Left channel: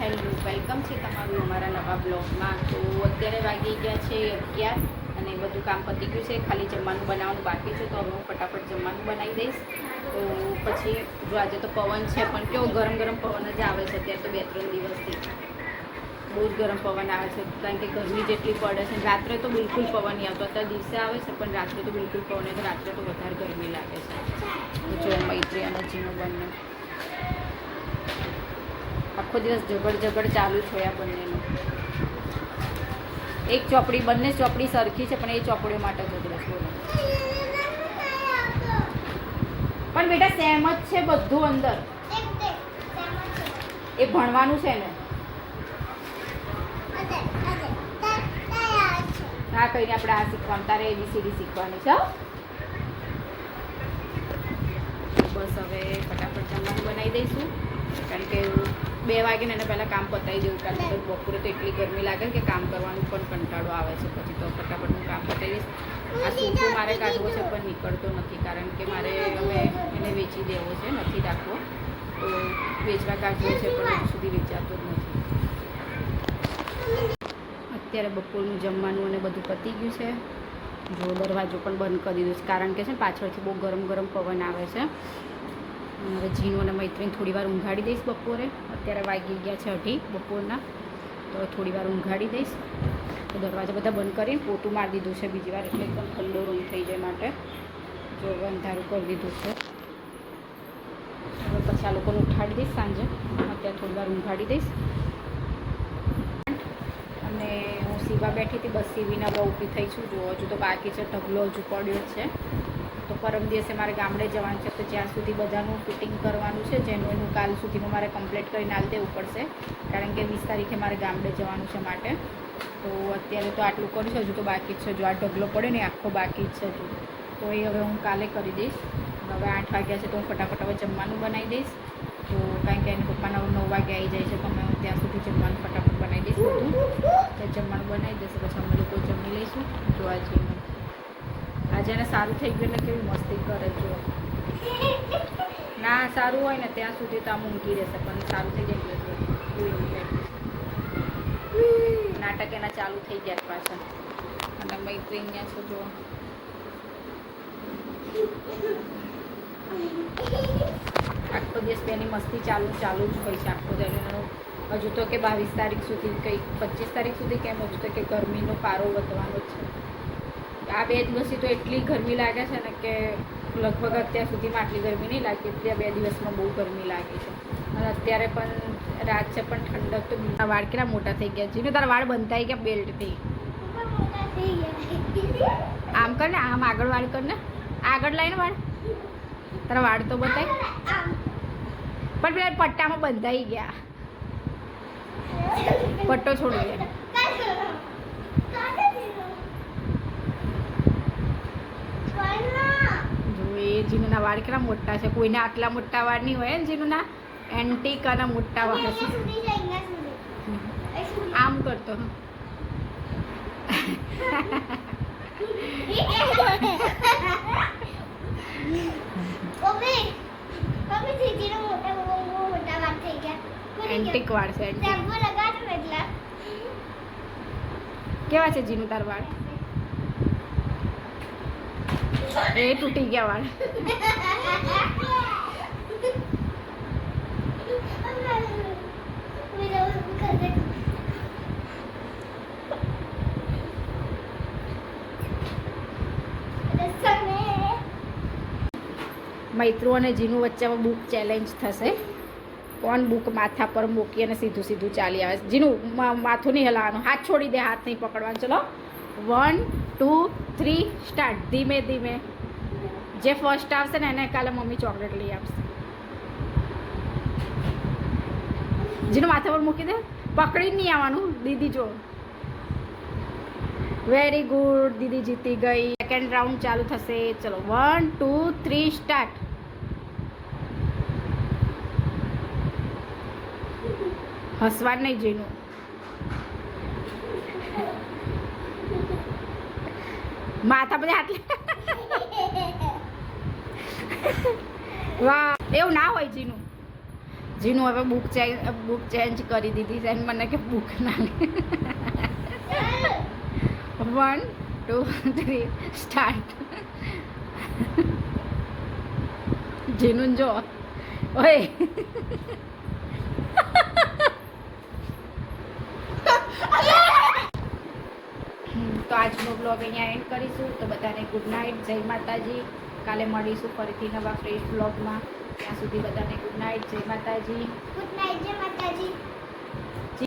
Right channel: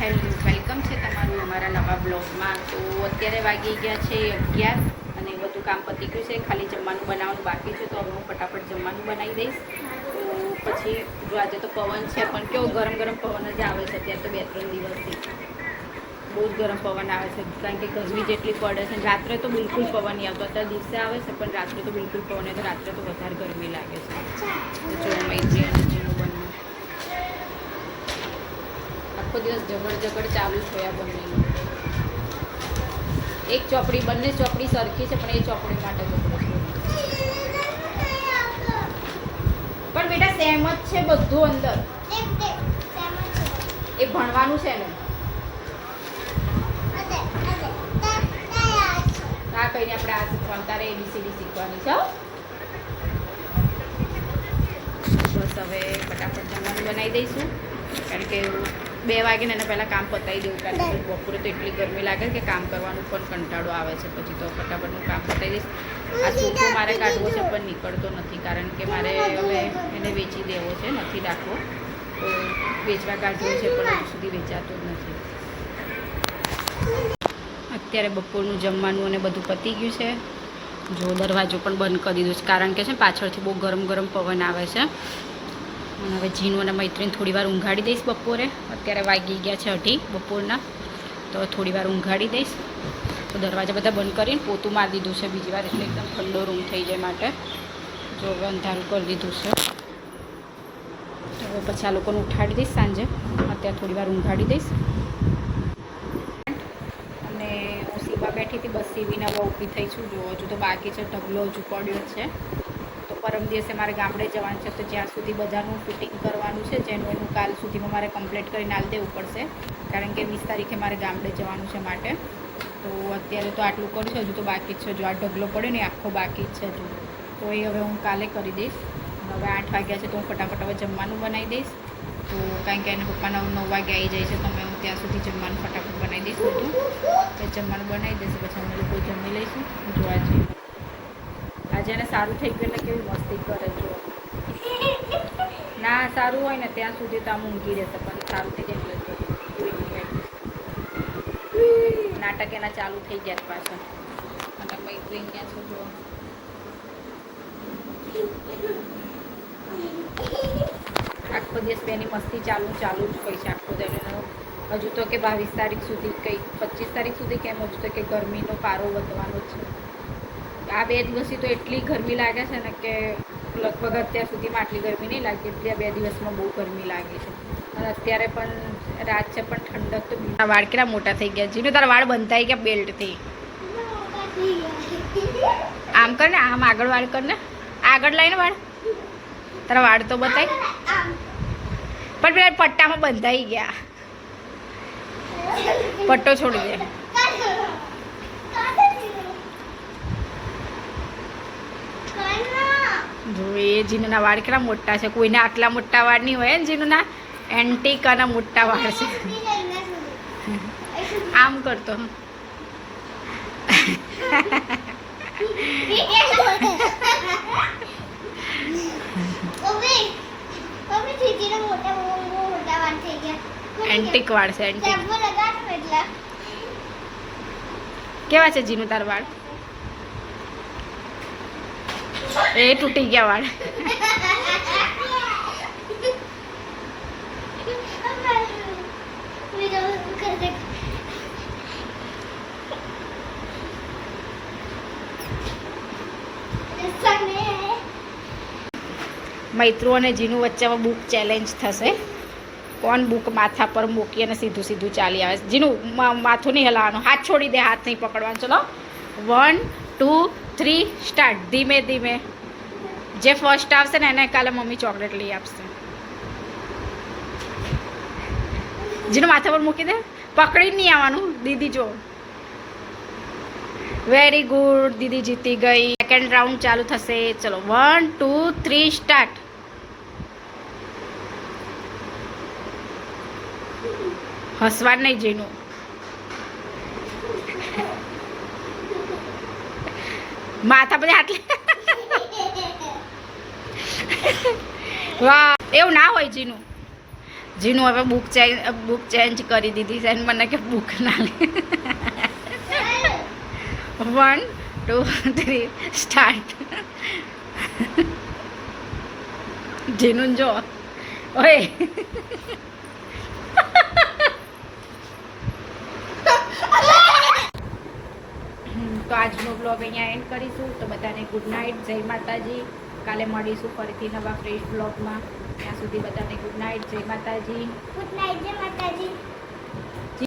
Hello, welcome છે તમારું અમારા નવા બ્લોગમાં. તો અત્યારે વાગી ગયા છે 11 અને બધું કામ પતી ગયું છે. ખાલી જમવાનું બનાવવાનું બાકી છે, તો હવે હું ફટાફટ જમવાનું બનાવી દઈશ. તો પછી જો આજે તો પવન છે, પણ કેવો ગરમ ગરમ પવન જ આવે છે અત્યારે તો 2-3 દિવસથી. બહુ જ ગરમ પવન આવે છે, કારણ કે ગરમી જેટલી પડે છે. રાત્રે તો બિલકુલ પવન નહીં આવતો. અત્યારે દિવસે આવે છે, પણ રાત્રે તો બિલકુલ પવન એટલે રાત્રે તો વધારે ગરમી લાગે છે. જો મૈત્રી અને જીનું બંને આખો દિવસ ઝગડ ચાલુ છે આ બંનેનું. એક ચોપડી, બંને ચોપડી સરખી છે, પણ એ ચોપડી માટે ઝઘડો છે. પણ બેટા સેમ જ છે બધું અંદર. એ ભણવાનું છે ને. ના કહીને આપણે આ શીખવાનું, તારે ABCD શીખવાની છે. બસ હવે ફટાફટ જમવાનું બનાવી દઈશું, કારણ કે 2 વાગે ને એના પહેલાં કામ પતાવી દેવું, કારણ કે બપોરે તો એટલી ગરમી લાગે કે કામ કરવાનું પણ કંટાળો આવે છે. પછી તો ફટાફટ હું કામ પતાવી દઈશ. આ સોફો મારે કાઢવો છે, પણ નીકળતો નથી, કારણ કે મારે હવે એને વેચી દેવો છે, નથી રાખવો. તો વેચવા કાઢવો છે, પણ હજુ સુધી વેચાતો જ નથી. અત્યારે બપોરનું જમવાનું અને બધું પતી ગયું છે. જો દરવાજો પણ બંધ કરી દીધો છે, કારણ કે છે પાછળથી બહુ ગરમ ગરમ પવન આવે છે. હવે જીનું અને મૈત્રીને થોડી વાર ઊંઘાડી દઈશ બપોરે. અત્યારે વાગી ગયા છે 2:30 બપોરના, તો થોડી વાર ઊંઘાડી દઈશ. તો દરવાજા બધા બંધ કરીને પોતું મારી દીધું છે બીજી વાર, એટલે એકદમ ઠંડો રૂમ થઈ જાય માટે. જો હવે અંધારું કરી દીધું છે. હવે પછી આ લોકોને ઉઠાડી દઈશ સાંજે. અત્યારે થોડી વાર ઊંઘાડી દઈશ. અને હું સીવા બેઠી હતી, બસ સીવીના બહુ ઊભી થઈ છું. જો હજુ તો બાકી છે, ઢગલો હજુ પડ્યો છે. તો પરમ દિવસે મારે ગામડે જવાનું છે, તો જ્યાં સુધી બધાનું ફિટિંગ કરવાનું છે, જેનું એનું કાલ સુધીમાં મારે કમ્પ્લીટ કરીને આલી દેવું પડશે, કારણ કે 20 તારીખે મારે ગામડે જવાનું છે માટે. તો અત્યારે તો આટલું કરું છું, હજુ તો બાકી જ છે. જો આ ઢગલો પડ્યો ને આખો બાકી જ છે હજુ, તો એ હવે હું કાલે કરી દઈશ. હવે 8 વાગ્યા છે, તો હું ફટાફટ હવે જમવાનું બનાવી દઈશ. તો કારણ કે એને પપ્પા 9 વાગે આવી જાય છે, તો હું ત્યાં સુધી જમવાનું ફટાફટ બનાવી દઈશ બધું. તો જમવાનું બનાવી દઈશ, પછી અમે લોકો જમી લઈશું. જોવા જઈએ આજે એને સારું થઈ ગયું એટલે કેવી મસ્તી કરે. જો ના સારું હોય ને ત્યાં સુધી તો આમ ઊંઘી રહેશે, પણ સારું થઈ જાય નાટક એના ચાલુ થઈ ગયા પાછળ. અને મૈત્રી અહીંયા છો જો આખો દિવસ તેની મસ્તી ચાલુ જ હોય છે આખો દિવસ. હજુ તો કે 22 તારીખ સુધી, કંઈ 25 તારીખ સુધી, કેમ હજુ તો કે ગરમીનો પારો વધવાનો જ છે. આ 2 દિવસથી તો એટલી ગરમી લાગે છે ને કે લગભગ અત્યાર સુધીમાં આટલી ગરમી નહીં લાગી, એટલી આ 2 દિવસમાં બહુ ગરમી લાગી છે. અને અત્યારે પણ રાત છે, પણ ઠંડક તો. વાળ કેટલા મોટા થઈ ગયા જીનું, તારા વાળ બંધાઈ ગયા બેલ્ટથી. આમ કર ને, આમ આગળ વાળ કર ને, આગળ લાઈને વાળ. તારા વાળ તો બતાય, પણ પેલા પટ્ટામાં બંધાઈ ગયા. પટ્ટો છોડી દે. જો એ જીનુના વાળ કેટલા મોટા છે. કોઈને આટલા મોટા વાળ નહીં હોય ને જીનુના. એન્ટિકાના મોટા વાળ છે. આમ કરતો એન્ટિક વાળ છે. એન્ટિક કેવા છે જીનું તાર વાળ? એ તૂટી ગયા વાળ. મૈત્રુ અને જીનું વચ્ચે બુક ચેલેન્જ થશે. કોણ બુક માથા પર મૂકી અને સીધું સીધું ચાલી આવે. જીનું માથું નહીં હલાવવાનું, હાથ છોડી દે, હાથ નહીં પકડવાનું. ચલો 1 2 3 સ્ટાર્ટ. ધીમે ધીમે. જે ફર્સ્ટ આવશે ને એને કાલે મમ્મી ચોકલેટ લઈ આપશે. જીનું માથા પર મૂકી દે, પકડી નહીં આવવાનું. દીદી જો, વેરી ગુડ, દીદી જીતી ગઈ. સેકન્ડ રાઉન્ડ ચાલુ થશે. ચલો 1 2 3 સ્ટાર્ટ. હસવા નહીં જીનું. માથા પર હાથ લે. વાહ, એવું ના હોય જીનું. જીનું હવે બુક ચેન્જ કરી દીધી છે અને મને કે બુક ના લે 1 2 3 સ્ટાર્ટ જીનું જો ઓય તો આજનો બ્લોગ અહીંયા એન્ડ કરીશું. તો બધાને ગુડ નાઇટ, જય માતાજી. કાલે મળીશું ફરીથી નવા ફ્રેશ બ્લોગમાં. ત્યાં સુધી બધાને ગુડ નાઇટ, જય માતાજી. ગુડ નાઇટ, જય માતાજી.